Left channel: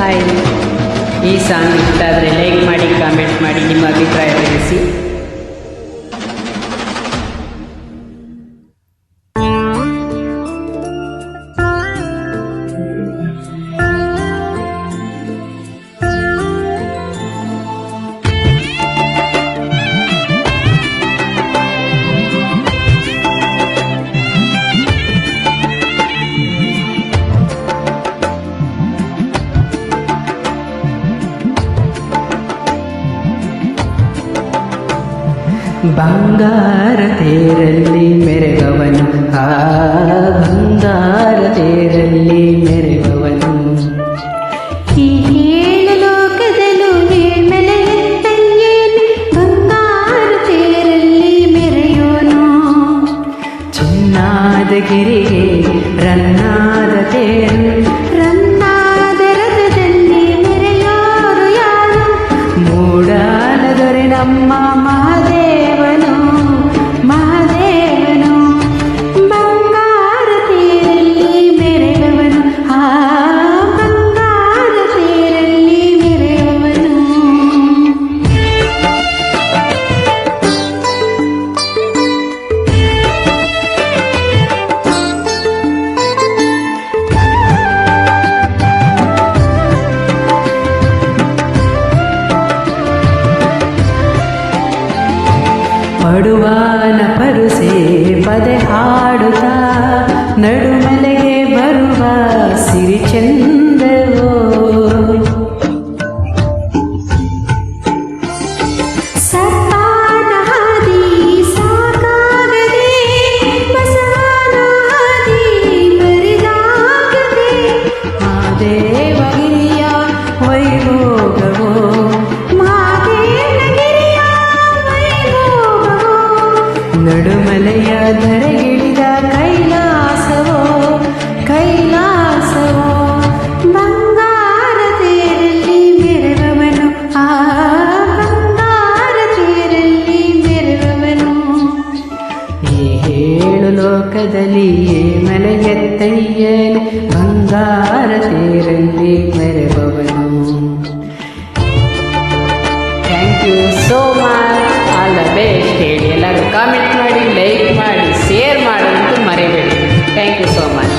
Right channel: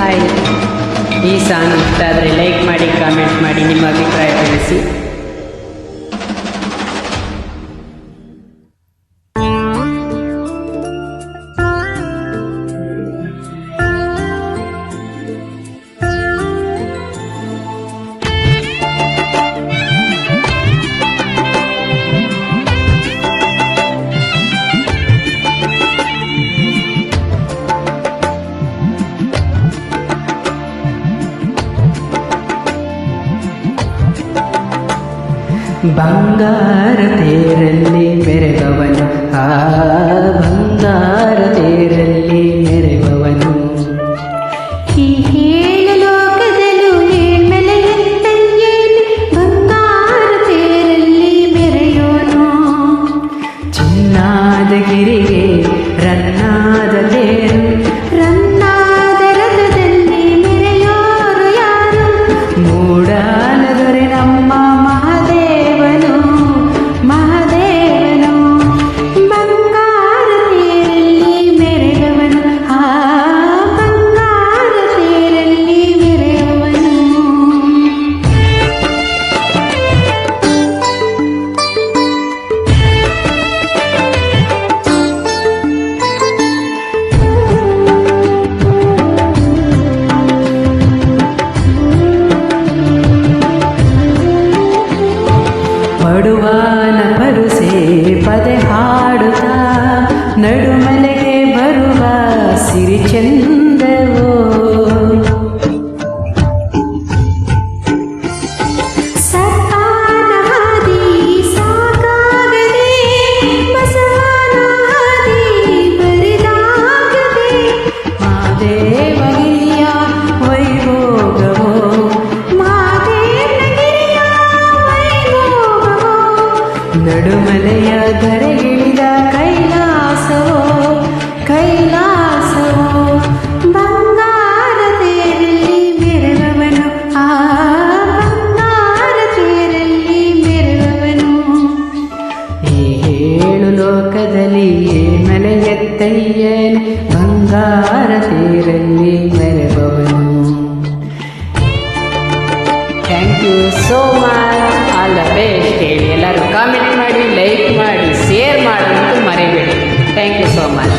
Hi, ಈ song ಇಷ್ಟ ಆದರೆ ಲೈಕ್ ಮಾಡಿ, ಕಾಮೆಂಟ್ ಮಾಡಿ, ನಿಮ್ಮ ಅಭಿಪ್ರಾಯ ತಿಳಿಸಿ. ಬಂಗಾರ ತೇರಲ್ಲಿ ಮೆರೆವವನು, ಆ ಬಂಗಾರ ತೇರಲ್ಲಿ ಮೆರೆವವನು, ಈ ಏಳು ಲೋಕದಲ್ಲೂ ಏಳ್ಮೆಲೆಯಂತಯ್ಯೇನೆ ಬಂಗಾರ ತೇರಲ್ಲಿ ಮೆರೆಯೋನು. ಚಿನ್ನಾದ ಗಿರಿಗೆ ರನ್ನಾದ ತೇರು, ರನ್ನಾದ ರಥದಲ್ಲಿ ಮೆರೆಯೋರು ಯಾರು? ಮೂಡಾಲ ದೊರೆ ನಮ್ಮ ಮಹಾದೇವನು, ಮಹಾದೇವನು. ಬಂಗಾರ ತೇರಲ್ಲಿ ಮೆರೆವವನು, ಆ ಬಂಗಾರ ತೇರಲ್ಲಿ ಮೆರೆಯುವವನು. ಪಡುವಾನ ಪರುಸೆ ಪದೆ ಹಾಡುತ್ತಾ ನಡುಮಲೆಗೆ ಬರುವ ಸಿರಿ ಚಂದವೋ. ಸರ್ಪಾನ ಹಾದಿ ಸಾಕಾಗದೆ, ಬಸವನ ಹಾದಿ ಬರಿದಾಗದೆ, ಮಾದೇವಗಿರಿಯ ವೈಭೋಗವೋ, ಮಾದೇವನಗಿರಿಯ ವೈಭೋಗವೋ. ನಡುಮಲೆಯ ಧರೆಗಿಳಿದ ಕೈಲಾಸವೋ, ಕೈಲಾಸವೋ. ಬಂಗಾರ ತೇರಲ್ಲಿ ಮೆರೆವವನು, ಆ ಬಂಗಾರ ತೇರಲ್ಲಿ ಮೆರೆವವನು. ಈ ಏಳು ಲೋಕದಲ್ಲಿ ಮಲೆಯತ್ತಯ್ಯನೆ ಬಂಗಾರ ತೇರಲ್ಲಿ ಮೆರೆಬವನು. Thank you so much, all the best ಹೇಳಿ. ಎಲ್ಲರೂ ಕಾಮೆಂಟ್ ಮಾಡಿ, ಲೈಕ್ ಮಾಡಿ, ಶೇರ್ ಮಾಡೋದಂತೂ ಮರಿಬೇಡಿ. Thank you so much.